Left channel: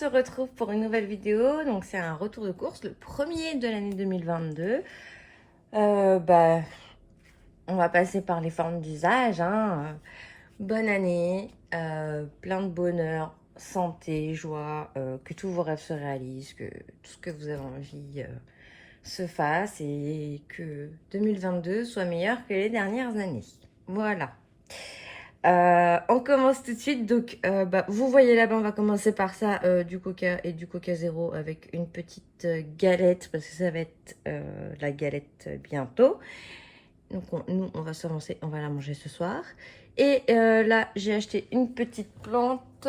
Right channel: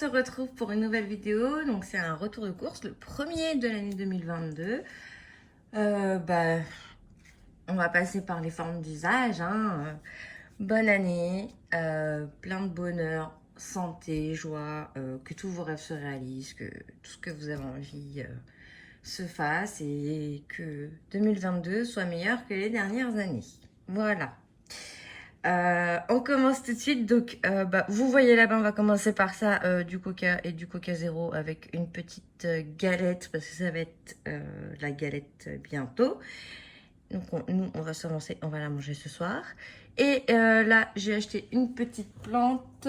se retrouve pour une nouvelle vidéo. Donc c'est un retour de course, le premier de l'année 2022. On va passer par les formes d'usage. Bonne année, plein de bonheur, santé, joie, que tous vos rêves se réalisent, que tout ce que vous avez envie se fasse et que 2022 soit meilleur que les dernières années. Voilà. On commence tout de suite. Donc, vous voyez là-bas, on va commencer par ça, du coca et du coca zéro avec une petite galette parce que ça va être la galette bientôt. Donc, nous, on va se lancer, on va la manger ce soir. Et là, j'ai acheté une petite plante.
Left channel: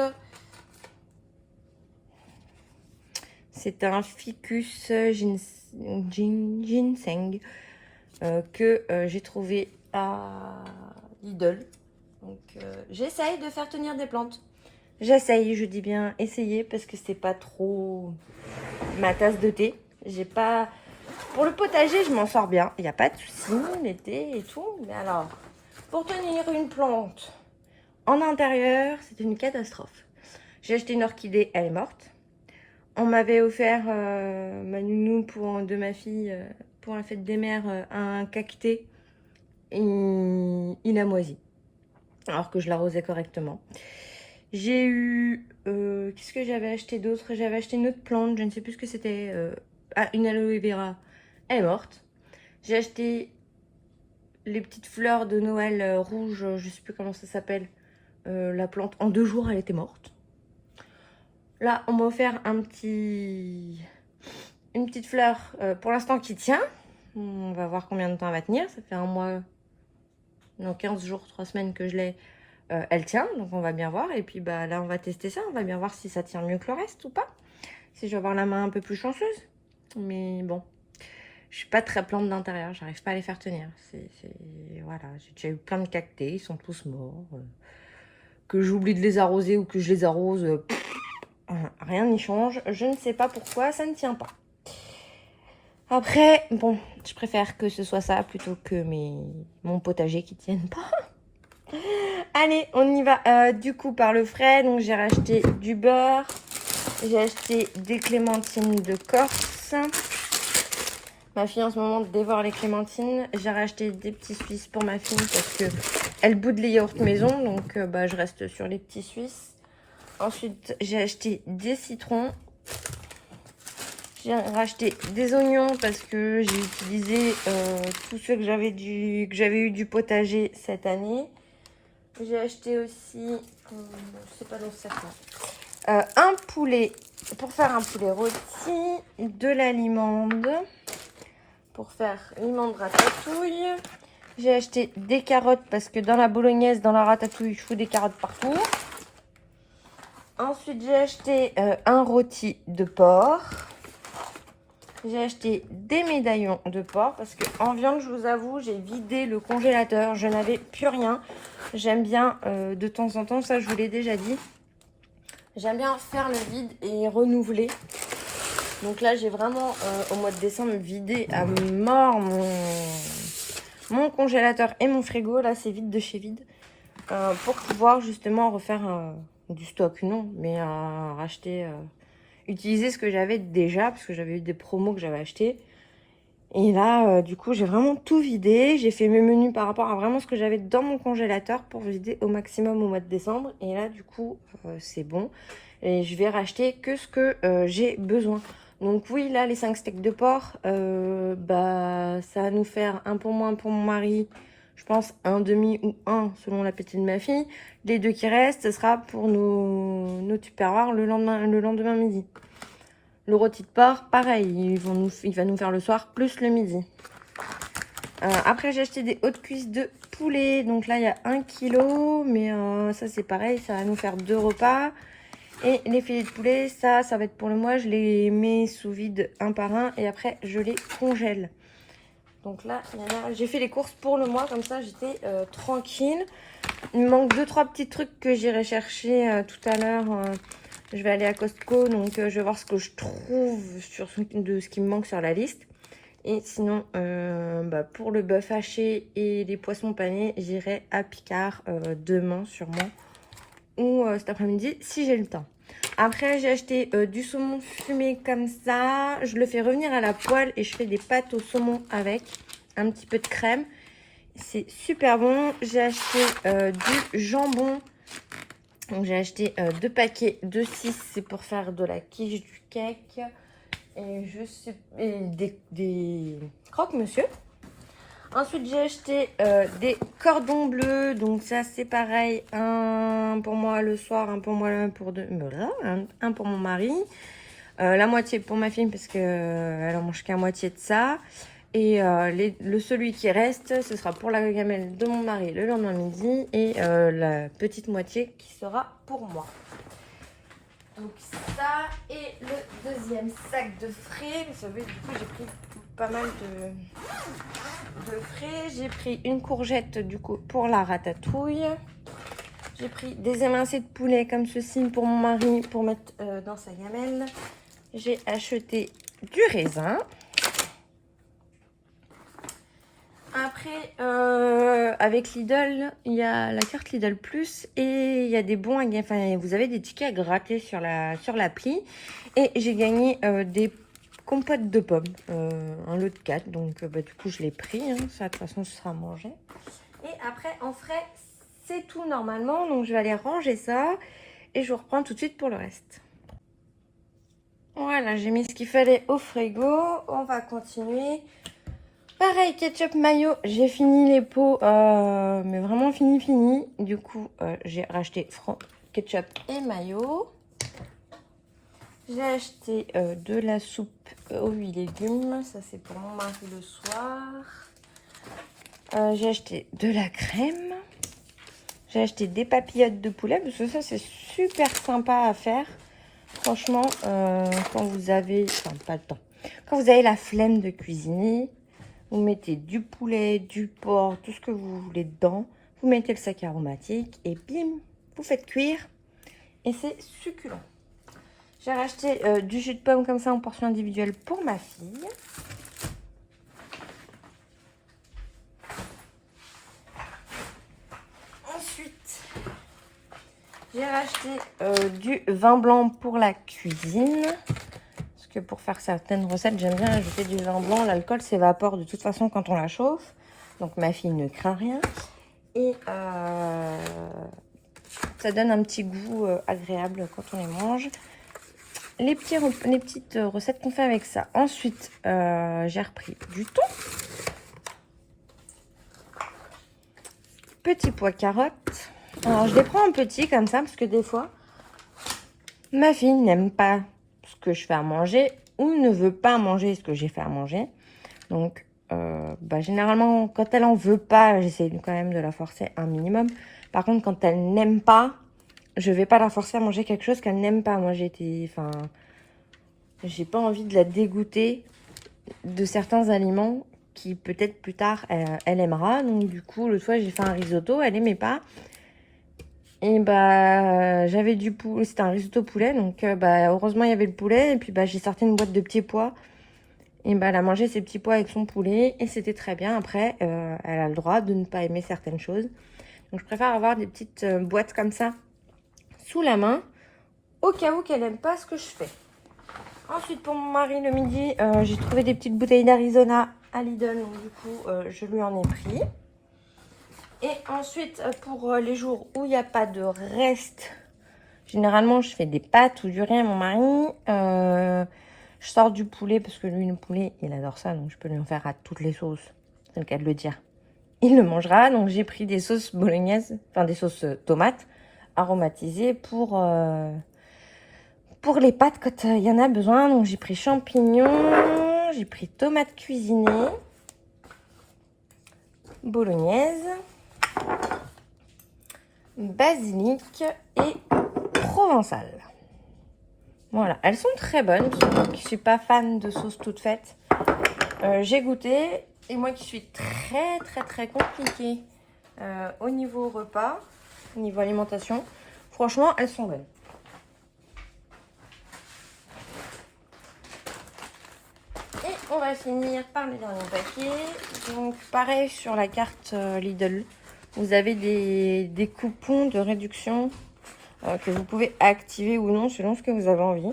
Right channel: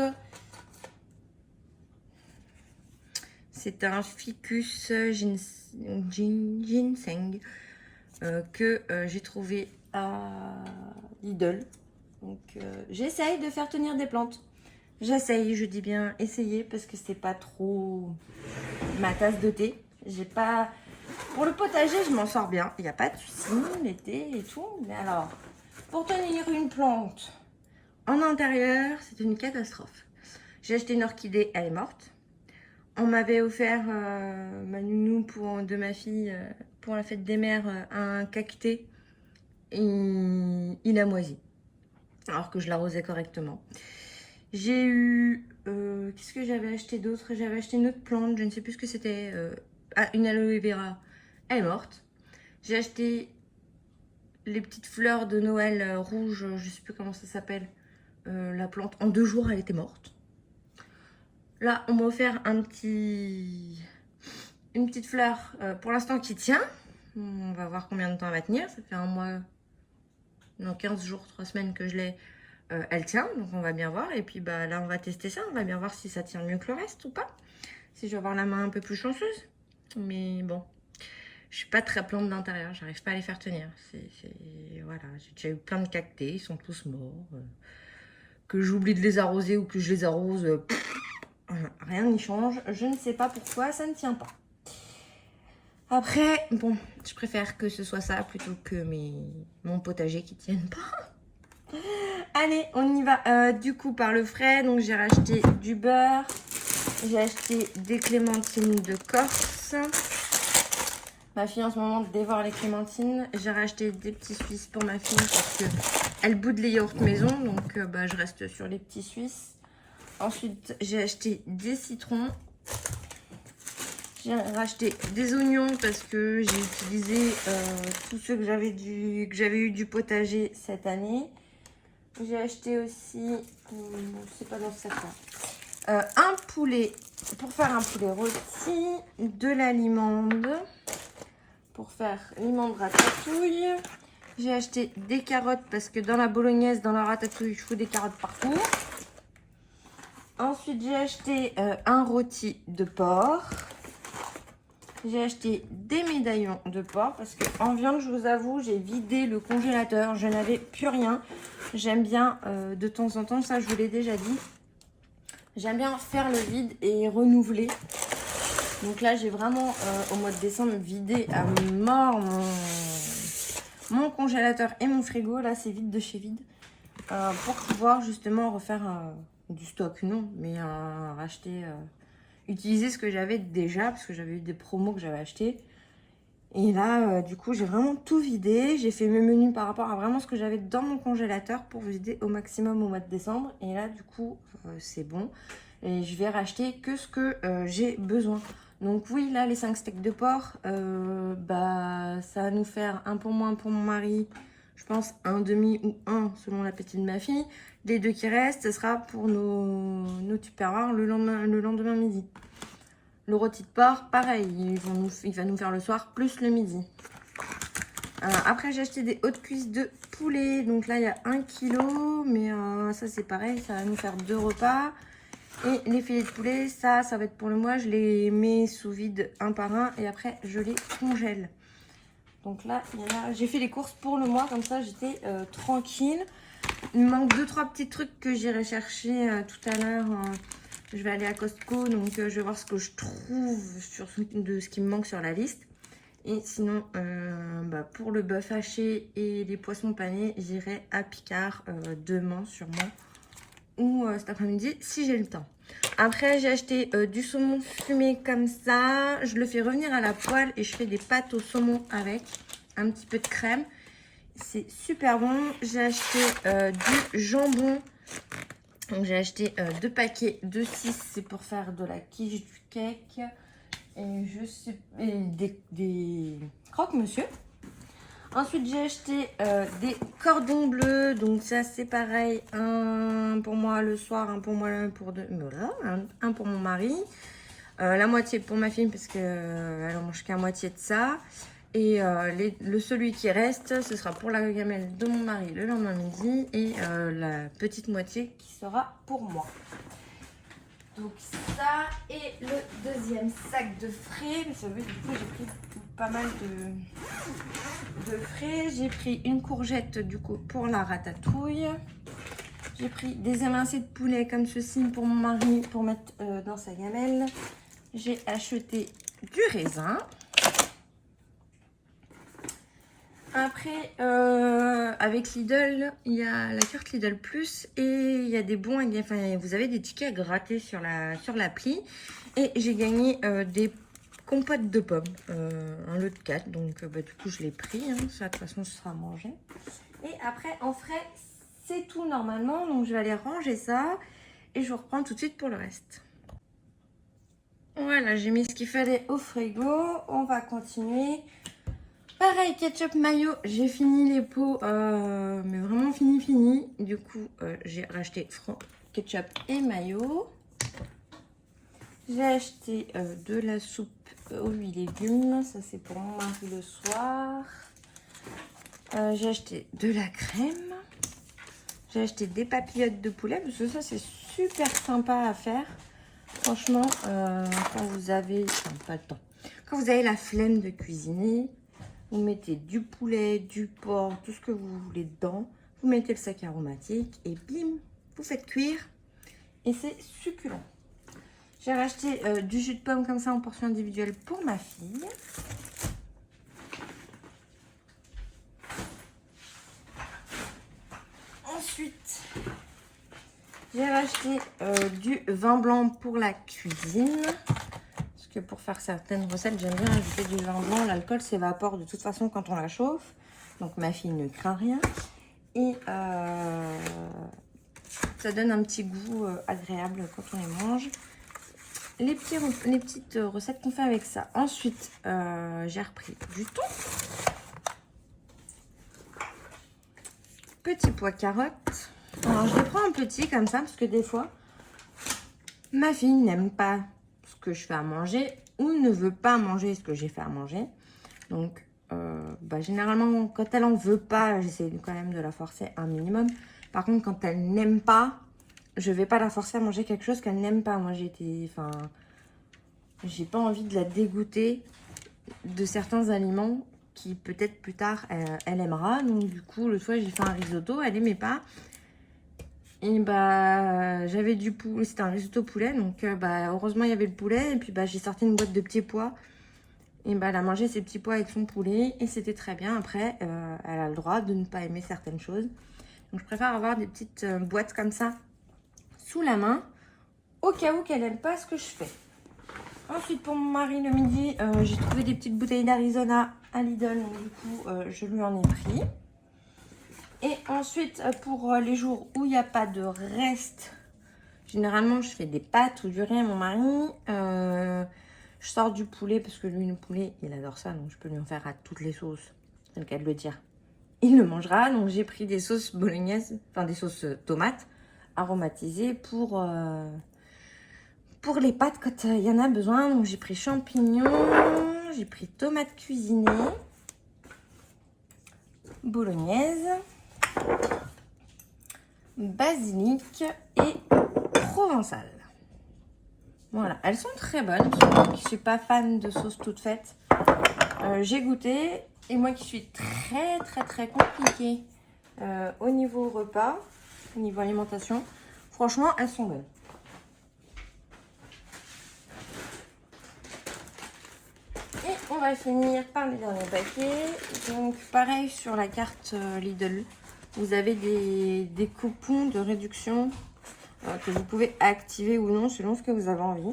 C'est un ficus ginseng que j'ai trouvé à Lidl. Donc j'essaye de faire tenir des plantes. J'essaye, je dis bien essayer parce que c'est pas trop ma tasse de thé. J'ai pas. Pour le potager, je m'en sors bien. Il n'y a pas de souci, l'été et tout. Mais alors, pour tenir une plante en intérieur, c'est une catastrophe. J'ai acheté une orchidée, elle est morte. On m'avait offert ma nounou de ma fille pour la fête des mères un cacté. Il a moisi. Alors que je l'arrosais correctement. J'ai eu... qu'est-ce que j'avais acheté d'autre? J'avais acheté une autre plante, je ne sais plus ce que c'était. Une aloe vera. Elle est morte. J'ai acheté les petites fleurs de Noël rouges, je ne sais plus comment ça s'appelle. La plante, en 2 jours, elle était morte. Là, on m'a offert une petite fleur pour l'instant qui tient. On va voir combien de temps elle va tenir. Ça fait 1 mois, non 15 jours, 3 semaines que je l'ai. Elle tient, donc on va bien voir. Et puis là, on va tester ça. On va bien voir si ça tient mieux que le reste ou pas. Si je vais avoir la main un peu plus chanceuse. Mais bon, je suis pas très plante d'intérieur. J'arrive pas à les faire tenir. Voilà, j'ai déjà eu plein de cactés. Ils sont tous morts. Que j'oublie de les arroser ou que je les arrose, rien n'y change. Je ne sais pas pourquoi ça ne tient pas. Après, bon, je préfère que ce soit ça plutôt que mon potager qui tienne pas. Allez, on y va. Du coup, par le frais, donc j'ai racheté du beurre. J'ai acheté des clémentines de Corse. Ma fille en ce moment dévore les clémentines. J'ai racheté des petits Suisses pour ma fille parce que elle boude les yaourts maison. Donc je reste sur les petits Suisses. Ensuite, j'ai acheté des citrons. J'ai racheté des oignons parce que j'ai utilisé tous ceux que j'avais eu du potager cette année. J'ai acheté aussi, c'est pas dans ce sac là, un poulet pour faire un poulet rôti, de la limande pour faire limande ratatouille. J'ai acheté des carottes parce que dans la bolognaise, dans la ratatouille, je fous des carottes partout. Ensuite, j'ai acheté un rôti de porc. J'ai acheté des médaillons de porc parce qu'en viande, je vous avoue, j'ai vidé le congélateur. Je n'avais plus rien. J'aime bien de temps en temps, ça je vous l'ai déjà dit. J'aime bien faire le vide et renouveler. Donc là, j'ai vraiment, au mois de décembre, vidé à mort mon congélateur et mon frigo. Là, c'est vide de chez vide. Pour pouvoir justement refaire du stock, non, mais racheter... utiliser ce que j'avais déjà parce que j'avais eu des promos que j'avais acheté et là du coup j'ai vraiment tout vidé. J'ai fait mes menus par rapport à vraiment ce que j'avais dans mon congélateur pour vider au maximum au mois de décembre et là du coup c'est bon et je vais racheter que ce que j'ai besoin. Donc oui, là les 5 steaks de porc ça va nous faire un pour moi, un pour mon mari, je pense un demi ou un selon l'appétit de ma fille. Les 2 qui restent, ce sera pour nos tupperwares le lendemain midi. Le rôti de porc, pareil, il va nous faire le soir plus le midi. Après, j'ai acheté des hautes cuisses de poulet. Donc là, il y a 1 kg, mais ça c'est pareil, ça va nous faire 2 repas. Et les filets de poulet, ça va être pour le mois. Je les mets sous vide un par un et après, je les congèle. Donc là, j'ai fait les courses pour le mois, comme ça j'étais tranquille. Il me manque 2-3 petits trucs que j'irai chercher tout à l'heure. Je vais aller à Costco, donc je vais voir ce que je trouve de ce qui me manque sur la liste. Et sinon, pour le bœuf haché et les poissons panés, j'irai à Picard demain sûrement. Ou cet après-midi si j'ai le temps. Après, j'ai acheté du saumon fumé comme ça. Je le fais revenir à la poêle et je fais des pâtes au saumon avec un petit peu de crème. C'est super bon. J'ai acheté du jambon. Donc, j'ai acheté 2 paquets de 6. C'est pour faire de la quiche, du cake et, des croque-monsieur. Ensuite, j'ai acheté des cordons bleus. Donc, ça, c'est pareil. Un pour moi le soir, un pour moi pour deux. Voilà, un pour mon mari. La moitié pour ma fille parce qu'elle en mange qu'à moitié de ça. Et celui qui reste, ce sera pour la gamelle de mon mari le lendemain midi. Et la petite moitié qui sera pour moi. Donc, ça. Et le deuxième sac de frais. Vous savez, du coup, j'ai pris pas mal de frais. J'ai pris une courgette du coup pour la ratatouille. J'ai pris des émincés de poulet comme ceci pour mon mari pour mettre dans sa gamelle. J'ai acheté du raisin. Après, avec Lidl, il y a la carte Lidl Plus et il y a des bons, enfin vous avez des tickets à gratter sur l'appli. Et j'ai gagné des compote de pommes, un lot de 4, donc du coup je l'ai pris, hein. Ça de toute façon ce sera mangé. Et après en frais c'est tout normalement, donc je vais aller ranger ça et je reprends tout de suite pour le reste. Voilà, j'ai mis ce qu'il fallait au frigo, on va continuer. Pareil, ketchup mayo, j'ai fini les pots, mais vraiment fini. Du coup j'ai racheté ketchup et mayo. J'ai acheté de la soupe aux 8 légumes, ça c'est pour mon mari le soir. J'ai acheté de la crème. J'ai acheté des papillotes de poulet, parce que ça c'est super sympa à faire. Franchement, quand vous avez, enfin, pas le temps, quand vous avez la flemme de cuisiner, vous mettez du poulet, du porc, tout ce que vous voulez dedans. Vous mettez le sac aromatique et bim, vous faites cuire. Et c'est succulent. J'ai racheté du jus de pomme comme ça en portion individuelle pour ma fille. Ensuite, j'ai racheté du vin blanc pour la cuisine. Parce que pour faire certaines recettes, j'aime bien ajouter du vin blanc. L'alcool s'évapore de toute façon quand on la chauffe. Donc ma fille ne craint rien. Et ça donne un petit goût agréable quand on les mange. Les petites recettes qu'on fait avec ça. Ensuite, j'ai repris du thon. Petit pois carottes. Alors, je les prends en petit comme ça parce que des fois, ma fille n'aime pas ce que je fais à manger ou ne veut pas manger ce que j'ai fait à manger. Donc, généralement, quand elle en veut pas, j'essaie quand même de la forcer un minimum. Par contre, quand elle n'aime pas, je vais pas la forcer à manger quelque chose qu'elle n'aime pas. Moi, j'ai pas envie de la dégoûter de certains aliments qui peut-être plus tard elle aimera. Donc du coup, l'autre fois j'ai fait un risotto, elle aimait pas. Et j'avais du poulet, c'était un risotto poulet, donc heureusement il y avait le poulet. Et puis j'ai sorti une boîte de petits pois. Et elle a mangé ses petits pois avec son poulet et c'était très bien. Après, elle a le droit de ne pas aimer certaines choses. Donc je préfère avoir des petites boîtes comme ça sous la main au cas où qu'elle n'aime pas ce que je fais. Ensuite, pour mon mari, le midi, j'ai trouvé des petites bouteilles d'Arizona à Lidl. Donc, du coup, je lui en ai pris. Et ensuite, pour les jours où il n'y a pas de reste, généralement, je fais des pâtes ou du riz à mon mari. Je sors du poulet parce que lui, le poulet, il adore ça. Donc, je peux lui en faire à toutes les sauces. C'est le cas de le dire. Il le mangera. Donc, j'ai pris des sauces bolognaises, enfin des sauces tomates aromatisées pour les pâtes quand il y en a besoin. Donc j'ai pris champignons, j'ai pris tomates cuisinées, bolognaise, basilic et provençal. Voilà, elles sont très bonnes. Moi qui ne suis pas fan de sauce toute faite, j'ai goûté. Et moi qui suis très compliquée au niveau repas, au niveau alimentation, franchement, elles sont bonnes. Et on va finir par les derniers paquets. Donc pareil sur la carte Lidl, vous avez des coupons de réduction que vous pouvez activer ou non selon ce que vous avez envie.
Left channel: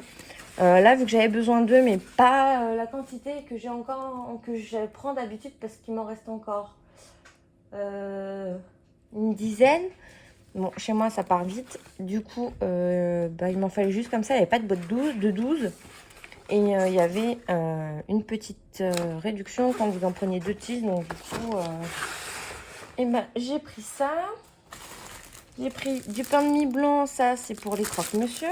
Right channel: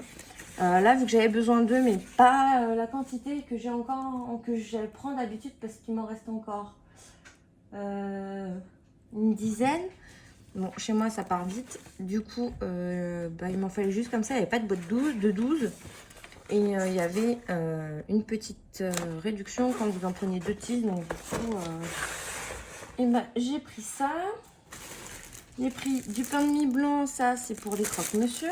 Là, vu que j'avais besoin d'eux, mais pas la quantité que j'ai encore, que je prends d'habitude parce qu'il m'en reste encore une dizaine. Bon, chez moi, ça part vite. Du coup, il m'en fallait juste comme ça. Il n'y avait pas de boîte de 12. Et il y avait une petite réduction quand vous en preniez 2 tiges. Donc, du coup, j'ai pris ça. J'ai pris du pain de mie blanc. Ça, c'est pour les croque-monsieur.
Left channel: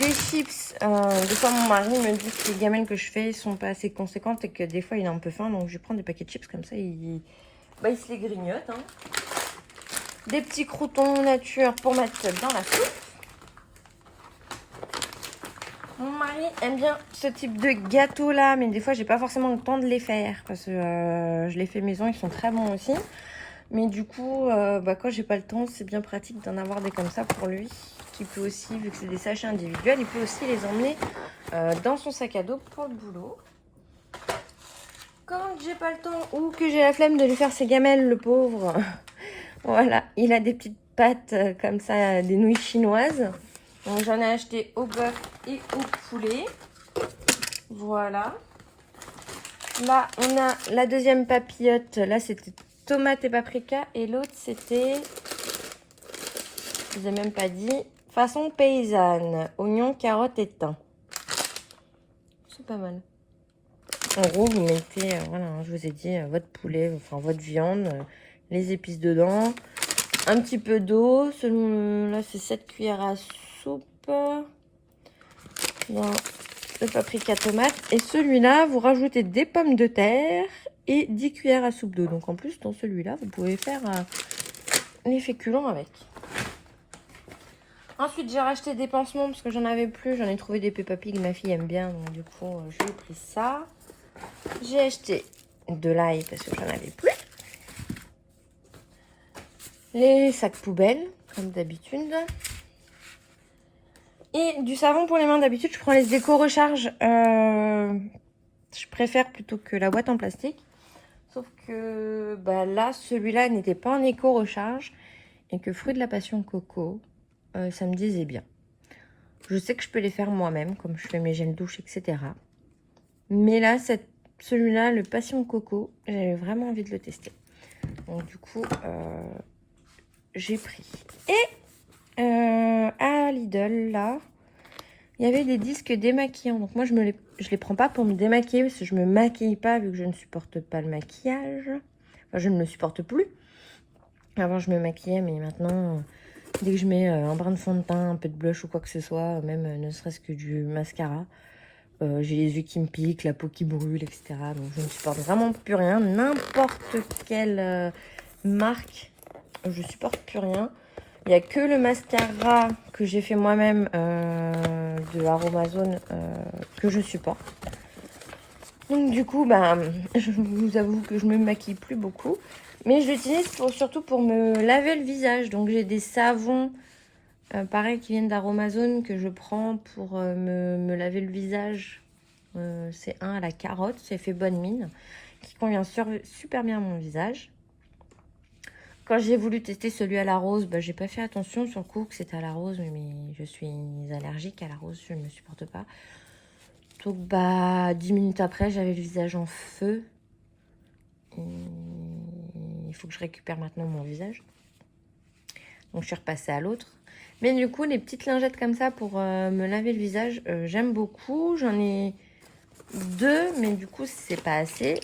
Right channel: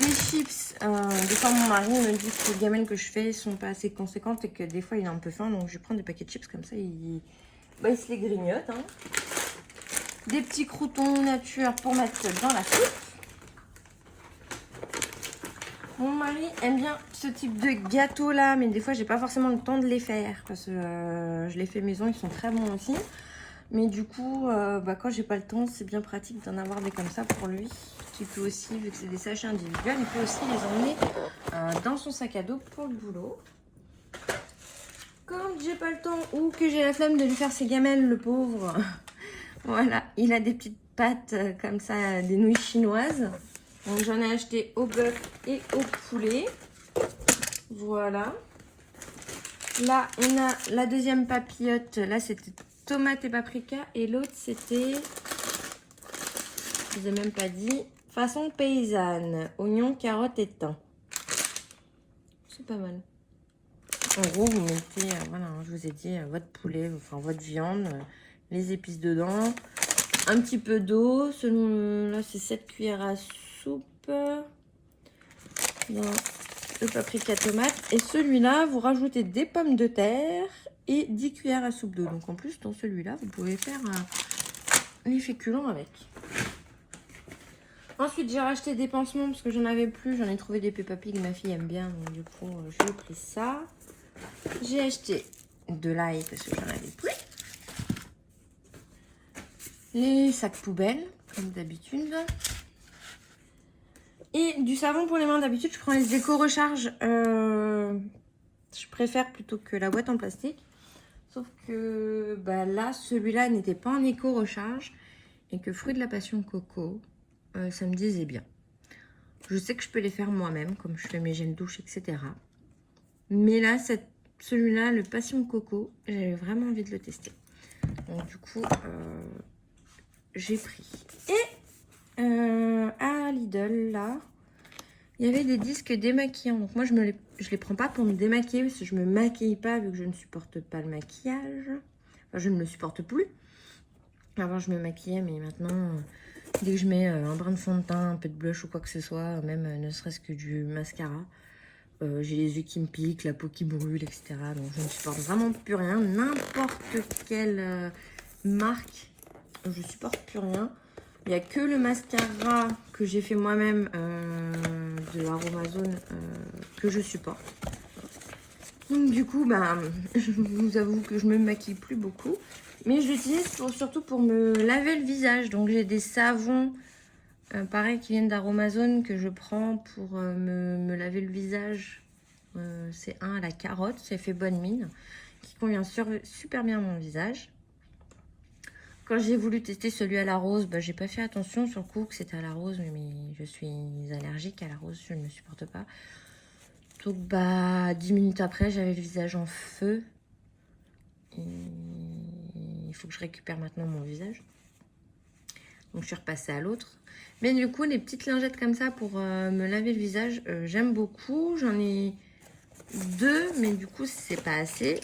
Des chips. Des fois, mon mari me dit que les gamelles que je fais sont pas assez conséquentes et que des fois, il a un peu faim. Donc, je prends des paquets de chips comme ça. Il se les grignote. Hein. Des petits croûtons nature pour mettre dans la soupe. Mon mari aime bien ce type de gâteau là, mais des fois j'ai pas forcément le temps de les faire parce que je les fais maison, ils sont très bons aussi. Mais du coup, quand j'ai pas le temps, c'est bien pratique d'en avoir des comme ça pour lui, qui peut aussi, vu que c'est des sachets individuels, il peut aussi les emmener dans son sac à dos pour le boulot. Quand j'ai pas le temps ou que j'ai la flemme de lui faire ses gamelles, le pauvre, voilà, il a des petites pâtes comme ça, des nouilles chinoises. J'en ai acheté au bœuf et au poulet. Voilà. Là, on a la deuxième papillote. Là, c'était tomate et paprika. Et l'autre, c'était, je vous ai même pas dit, façon paysanne. Oignons, carottes et thym. C'est pas mal. En gros, vous mettez, voilà, je vous ai dit, votre poulet, enfin votre viande, les épices dedans. Un petit peu d'eau. Là, c'est 7 cuillères à soupe. Dans le paprika tomate. Et celui-là, vous rajoutez des pommes de terre et 10 cuillères à soupe d'eau. Donc en plus, dans celui-là, vous pouvez faire les féculents avec. Ensuite, j'ai racheté des pansements parce que j'en avais plus. J'en ai trouvé des Peppa Pig, ma fille aime bien. Donc du coup, j'ai pris ça. J'ai acheté de l'ail parce que j'en avais plus. Les sacs poubelles, comme d'habitude. Et du savon pour les mains. D'habitude, je prends les éco-recharge. Je préfère plutôt que la boîte en plastique. Sauf que là, celui-là n'était pas en éco-recharge. Et que fruit de la passion coco, ça me disait bien. Je sais que je peux les faire moi-même, comme je fais mes gels douche, etc. Mais là, celui-là, le passion coco, j'avais vraiment envie de le tester. Donc du coup, j'ai pris. Et à Lidl, là, il y avait des disques démaquillants. Donc moi, je les prends pas pour me démaquiller parce que je me maquille pas vu que je ne supporte pas le maquillage. Enfin, je ne le supporte plus. Avant, je me maquillais, mais maintenant, dès que je mets un brin de fond de teint, un peu de blush ou quoi que ce soit, même ne serait-ce que du mascara, j'ai les yeux qui me piquent, la peau qui brûle, etc. Donc je ne supporte vraiment plus rien. N'importe quelle marque, je supporte plus rien. Il n'y a que le mascara que j'ai fait moi-même de Aromazone que je supporte. Donc du coup, je vous avoue que je me maquille plus beaucoup. Mais je l'utilise surtout pour me laver le visage. Donc j'ai des savons, pareil, qui viennent d'Aromazone que je prends pour me laver le visage. C'est un à la carotte, c'est fait bonne mine, qui convient super bien à mon visage. Quand j'ai voulu tester celui à la rose, j'ai pas fait attention sur le coup que c'était à la rose, mais je suis allergique à la rose, je ne le supporte pas. Donc 10 minutes après, j'avais le visage en feu. Et il faut que je récupère maintenant mon visage. Donc je suis repassée à l'autre. Mais du coup, les petites lingettes comme ça pour me laver le visage, j'aime beaucoup. J'en ai 2, mais du coup, c'est pas assez.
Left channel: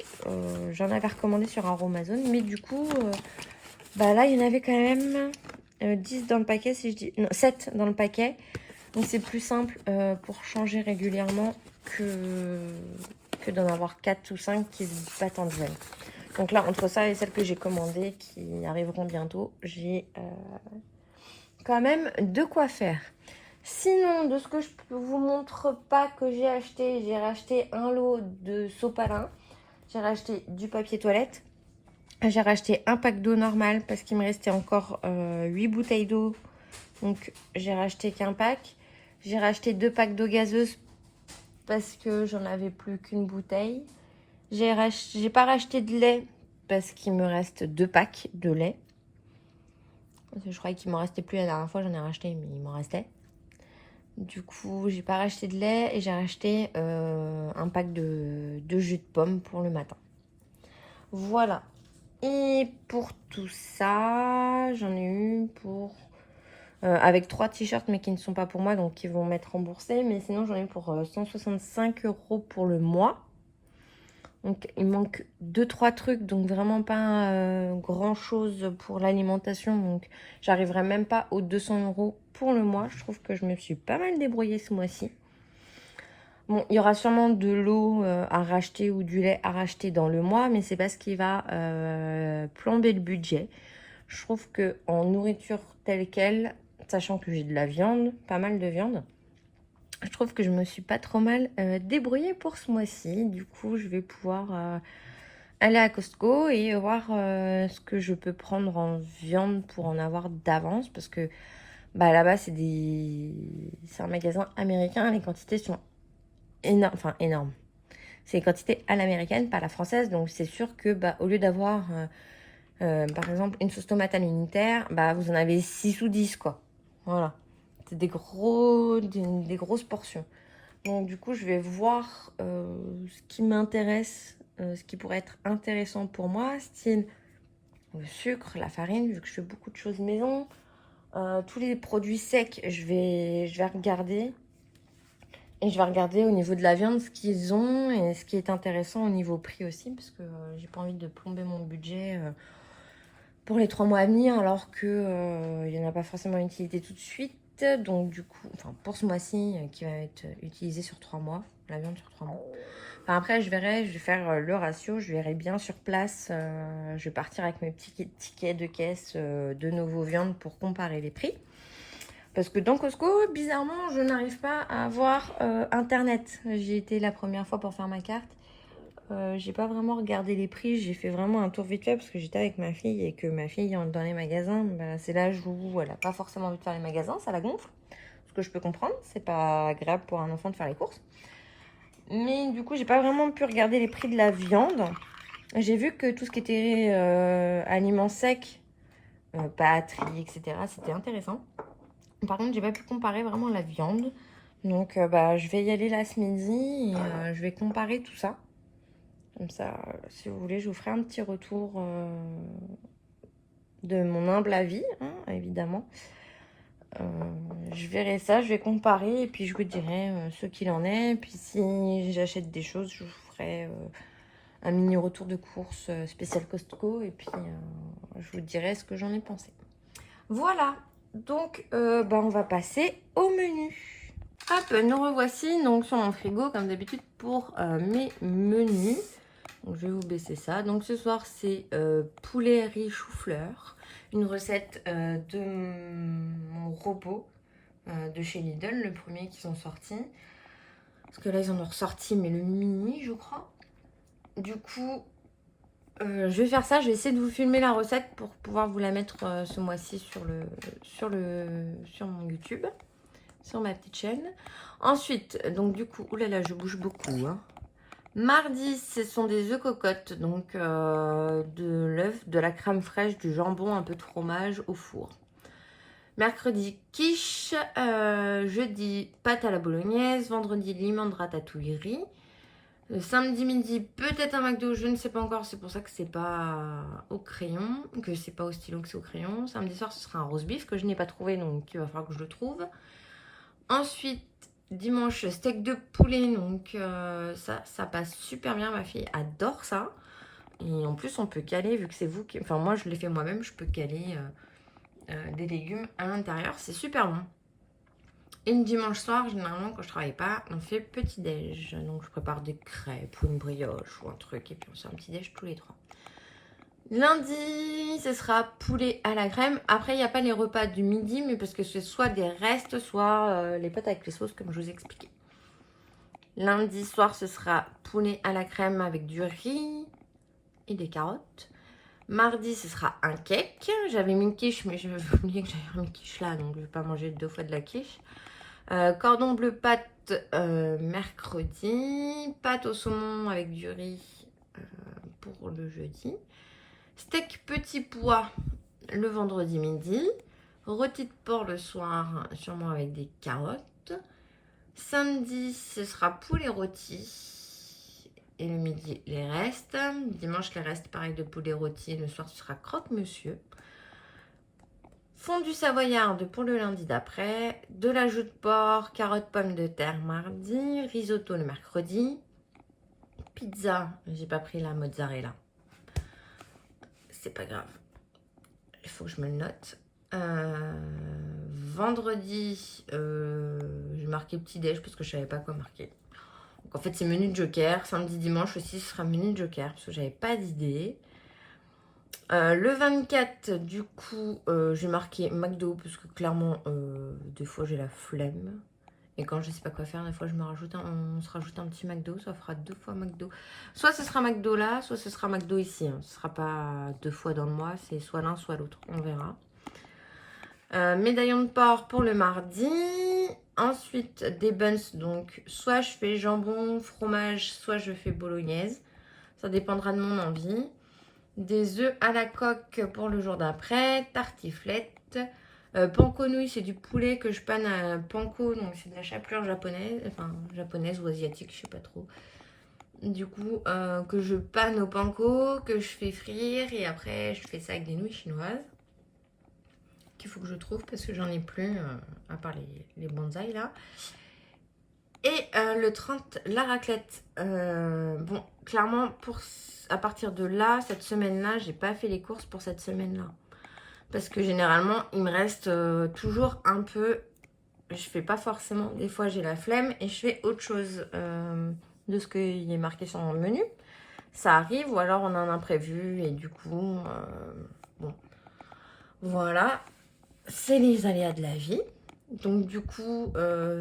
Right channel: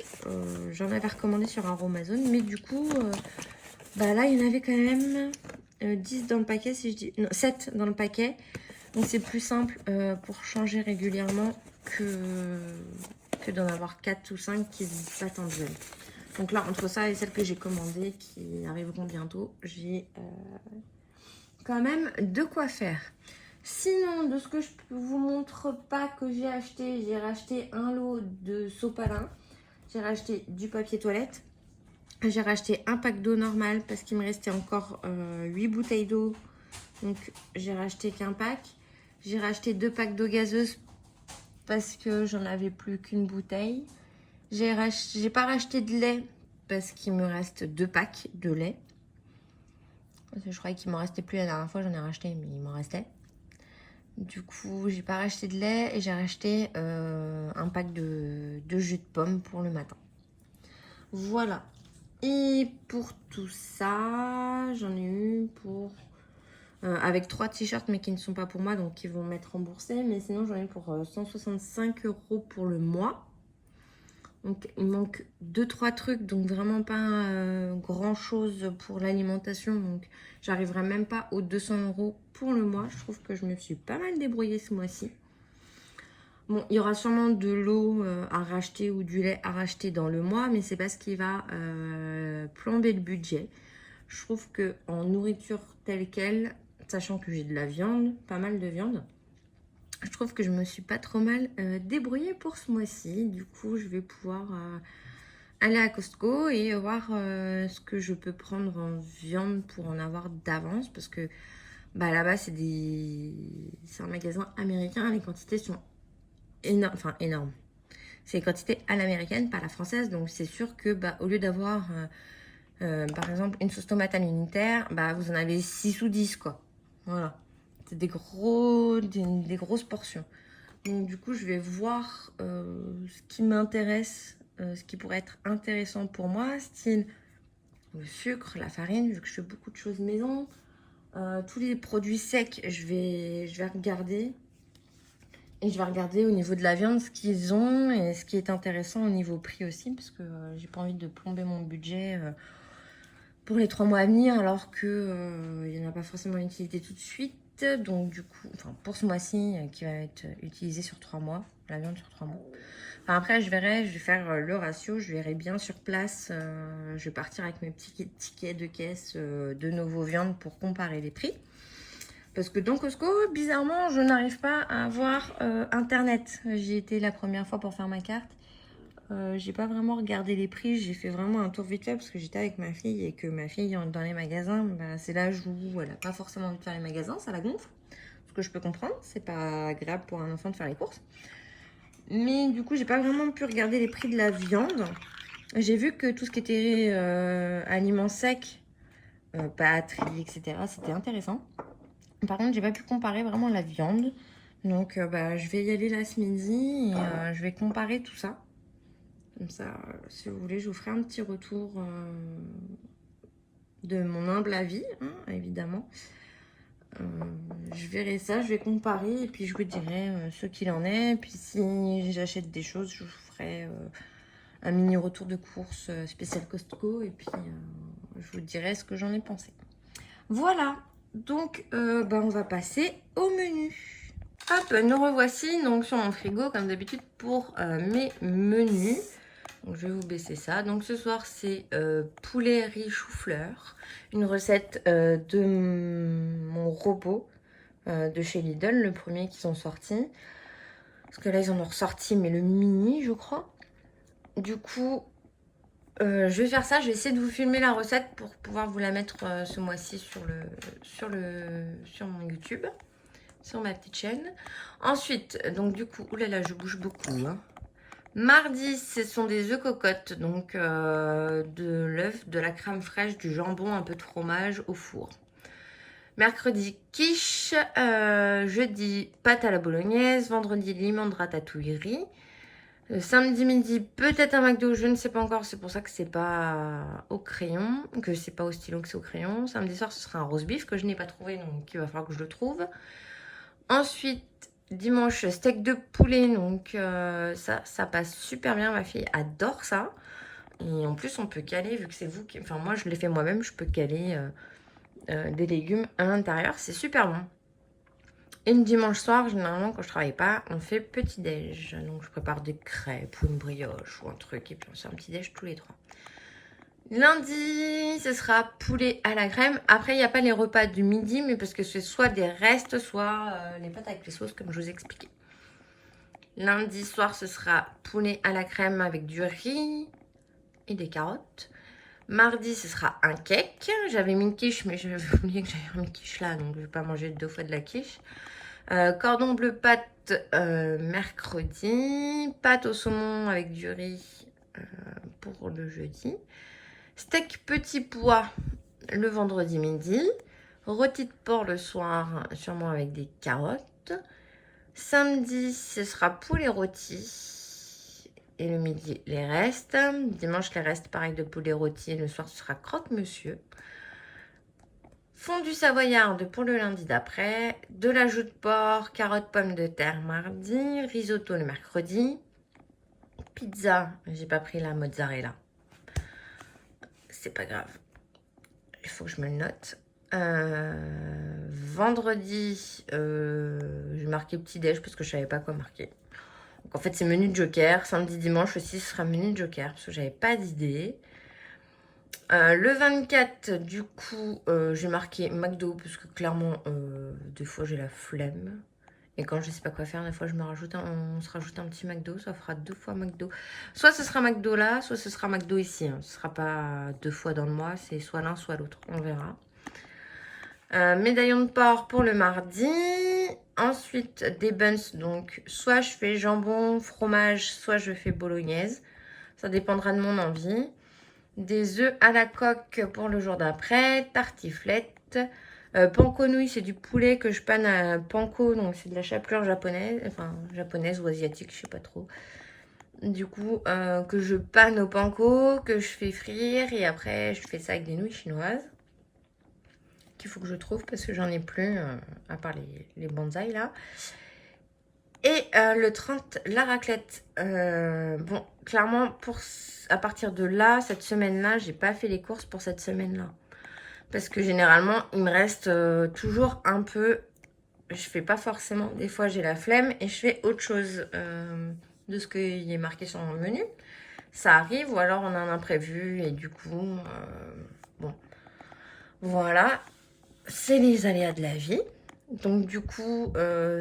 J'en avais recommandé sur Aromazone, mais du coup... là, il y en avait quand même 10 dans le paquet, si je dis... Non, 7 dans le paquet. Donc, c'est plus simple pour changer régulièrement que d'en avoir 4 ou 5 qui ne pas tant besoin. Donc là, entre ça et celles que j'ai commandées qui arriveront bientôt, j'ai quand même de quoi faire. Sinon, de ce que je ne vous montre pas que j'ai racheté un lot de sopalin. J'ai racheté du papier toilette. J'ai racheté un pack d'eau normale parce qu'il me restait encore 8 bouteilles d'eau. Donc, j'ai racheté qu'un pack. J'ai racheté 2 packs d'eau gazeuse parce que j'en avais plus qu'une bouteille. J'ai pas racheté de lait parce qu'il me reste 2 packs de lait. Je croyais qu'il m'en restait plus la dernière fois, j'en ai racheté, mais il m'en restait. Du coup, j'ai pas racheté de lait et j'ai racheté un pack de jus de pomme pour le matin. Voilà. Et pour tout ça, j'en ai eu pour... avec 3 t-shirts, mais qui ne sont pas pour moi, donc qui vont m'être remboursés. Mais sinon, j'en ai eu pour 165 € pour le mois. Donc, il manque 2-3 trucs, donc vraiment pas grand-chose pour l'alimentation. Donc, j'arriverai même pas aux 200 € pour le mois. Je trouve que je me suis pas mal débrouillée ce mois-ci. Bon, il y aura sûrement de l'eau à racheter ou du lait à racheter dans le mois, mais c'est pas ce qui va plomber le budget. Je trouve que en nourriture telle quelle, sachant que j'ai de la viande, pas mal de viande, je trouve que je me suis pas trop mal débrouillée pour ce mois-ci. Du coup, je vais pouvoir aller à Costco et voir ce que je peux prendre en viande pour en avoir d'avance. Parce que bah, là-bas, c'est un magasin américain. Les quantités sont énormes. C'est les quantités à l'américaine, pas à la française. Donc, c'est sûr que bah, au lieu d'avoir, par exemple, une sauce tomate à l'unitaire, bah, vous en avez 6 ou 10, quoi. Voilà. C'est des grosses portions. Donc du coup, je vais voir ce qui m'intéresse, ce qui pourrait être intéressant pour moi, style le sucre, la farine, vu que je fais beaucoup de choses maison. Tous les produits secs, je vais regarder. Et je vais regarder au niveau de la viande ce qu'ils ont et ce qui est intéressant au niveau prix aussi, parce que j'ai pas envie de plomber mon budget pour les 3 mois à venir, alors que il n'y en a pas forcément utilité tout de suite. Donc du coup, enfin pour ce mois-ci qui va être utilisé sur 3 mois, la viande sur 3 mois. Enfin, après je verrai, je vais faire le ratio, je verrai bien sur place. Je vais partir avec mes petits tickets de caisse de nouveau viande pour comparer les prix. Parce que dans Costco, bizarrement, je n'arrive pas à avoir internet. J'y étais la première fois pour faire ma carte. J'ai pas vraiment regardé les prix, j'ai fait vraiment un tour vite fait parce que j'étais avec ma fille et que ma fille dans les magasins, bah, c'est l'âge où elle a pas forcément envie de faire les magasins, ça la gonfle. Ce que je peux comprendre, c'est pas agréable pour un enfant de faire les courses. Mais du coup, j'ai pas vraiment pu regarder les prix de la viande. J'ai vu que tout ce qui était aliments secs, pâtes, riz, etc., c'était intéressant. Par contre, j'ai pas pu comparer vraiment la viande. Donc, bah, je vais y aller là ce midi et je vais comparer tout ça. Comme ça, si vous voulez, je vous ferai un petit retour de mon humble avis, hein, évidemment. Je verrai ça, je vais comparer et puis je vous dirai ce qu'il en est. Puis si j'achète des choses, je vous ferai un mini retour de course spécial Costco et puis je vous dirai ce que j'en ai pensé. Voilà, donc bah, on va passer au menu. Hop, nous revoici donc sur mon frigo comme d'habitude pour mes menus. Donc, je vais vous baisser ça. Donc ce soir c'est poulet riz chou-fleur. Une recette de mon robot de chez Lidl, le premier qui sont sortis. Parce que là ils en ont ressorti mais le mini je crois. Du coup je vais faire ça. Je vais essayer de vous filmer la recette pour pouvoir vous la mettre ce mois-ci sur mon YouTube. Sur ma petite chaîne. Ensuite, donc du coup, oulala, je bouge beaucoup. Hein. Mardi, ce sont des œufs cocottes, donc de l'œuf, de la crème fraîche, du jambon, un peu de fromage au four. Mercredi, quiche. Jeudi, pâte à la bolognaise. Vendredi, limon de ratatouille riz. Samedi midi, peut-être un McDo, je ne sais pas encore. C'est pour ça que c'est pas au crayon, que c'est pas au stylo, que c'est au crayon. Samedi soir, ce sera un roast beef que je n'ai pas trouvé, donc il va falloir que je le trouve. Ensuite, dimanche, steak de poulet. Donc, ça passe super bien. Ma fille adore ça. Et en plus, on peut caler, vu que c'est vous qui... Enfin, moi, je l'ai fait moi-même. Je peux caler des légumes à l'intérieur. C'est super bon. Et le dimanche soir, généralement, quand je travaille pas, on fait petit-déj. Donc, je prépare des crêpes ou une brioche ou un truc. Et puis, on se fait un petit-déj tous les 3. Lundi, ce sera poulet à la crème. Après, il n'y a pas les repas du midi, mais parce que c'est soit des restes, soit les pâtes avec les sauces, comme je vous ai expliqué. Lundi soir, ce sera poulet à la crème avec du riz et des carottes. Mardi, ce sera un cake. J'avais mis une quiche, mais j'avais oublié que j'avais une quiche là, donc je ne vais pas manger 2 fois de la quiche. Cordon bleu pâte mercredi. Pâte au saumon avec du riz pour le jeudi. Steak petit pois le vendredi midi. Rôti de porc le soir, sûrement avec des carottes. Samedi, ce sera poulet rôti. Et le midi, les restes. Dimanche, les restes, pareil, de poulet rôti. Le soir, ce sera croque-monsieur. Fondue savoyarde pour le lundi d'après. De la joue de porc, carottes, pommes de terre mardi. Risotto le mercredi. Pizza, j'ai pas pris la mozzarella. C'est pas grave. Il faut que je me le note. Vendredi, j'ai marqué petit-déj parce que je savais pas quoi marquer. Donc en fait, c'est menu de joker. Samedi, dimanche aussi, ce sera menu de joker parce que j'avais pas d'idée. Le 24, du coup, j'ai marqué McDo parce que clairement, des fois, j'ai la flemme. Et quand je sais pas quoi faire, des fois, on se rajoute un petit McDo. Ça fera 2 fois McDo. Soit ce sera McDo là, soit ce sera McDo ici. Hein. Ce sera pas 2 fois dans le mois. C'est soit l'un, soit l'autre. On verra. Médaillon de porc pour le mardi. Ensuite, des buns. Donc, soit je fais jambon, fromage, soit je fais bolognaise. Ça dépendra de mon envie. Des œufs à la coque pour le jour d'après. Tartiflette. Panko nouilles, c'est du poulet que je panne à panko. Donc, c'est de la chapelure japonaise. Enfin, japonaise ou asiatique, je sais pas trop. Du coup, que je panne au panko, que je fais frire. Et après, je fais ça avec des nouilles chinoises. Qu'il faut que je trouve parce que j'en ai plus, à part les bonsaïs là. Et le 30, la raclette. Bon, clairement, à partir de là, cette semaine-là, j'ai pas fait les courses pour cette semaine-là. Parce que généralement, il me reste toujours un peu. Je fais pas forcément. Des fois, j'ai la flemme et je fais autre chose de ce qu'il est marqué sur mon menu. Ça arrive ou alors on a un imprévu et du coup, bon. Voilà. C'est les aléas de la vie. Donc du coup,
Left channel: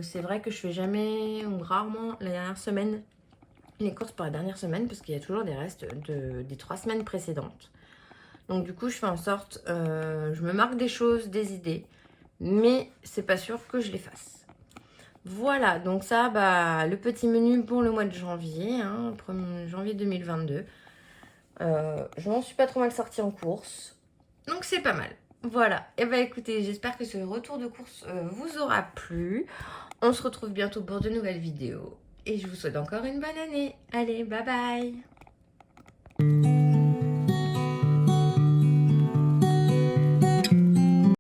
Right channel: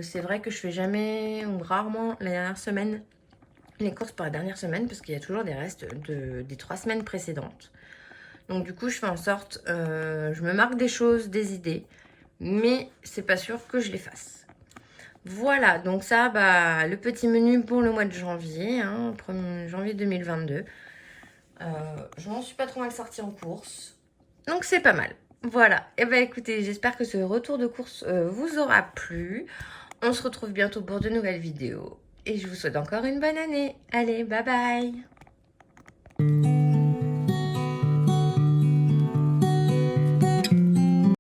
c'est vrai que je fais jamais ou rarement la dernière semaine, les courses pour la dernière semaine parce qu'il y a toujours des restes des 3 semaines précédentes. Donc du coup, je fais en sorte, je me marque des choses, des idées, mais c'est pas sûr que je les fasse. Voilà, donc ça, bah, le petit menu pour le mois de janvier, hein, 1er janvier 2022. Je m'en suis pas trop mal sortie en course, donc c'est pas mal. Voilà, et bah écoutez, j'espère que ce retour de course vous aura plu. On se retrouve bientôt pour de nouvelles vidéos. Et je vous souhaite encore une bonne année. Allez, bye bye!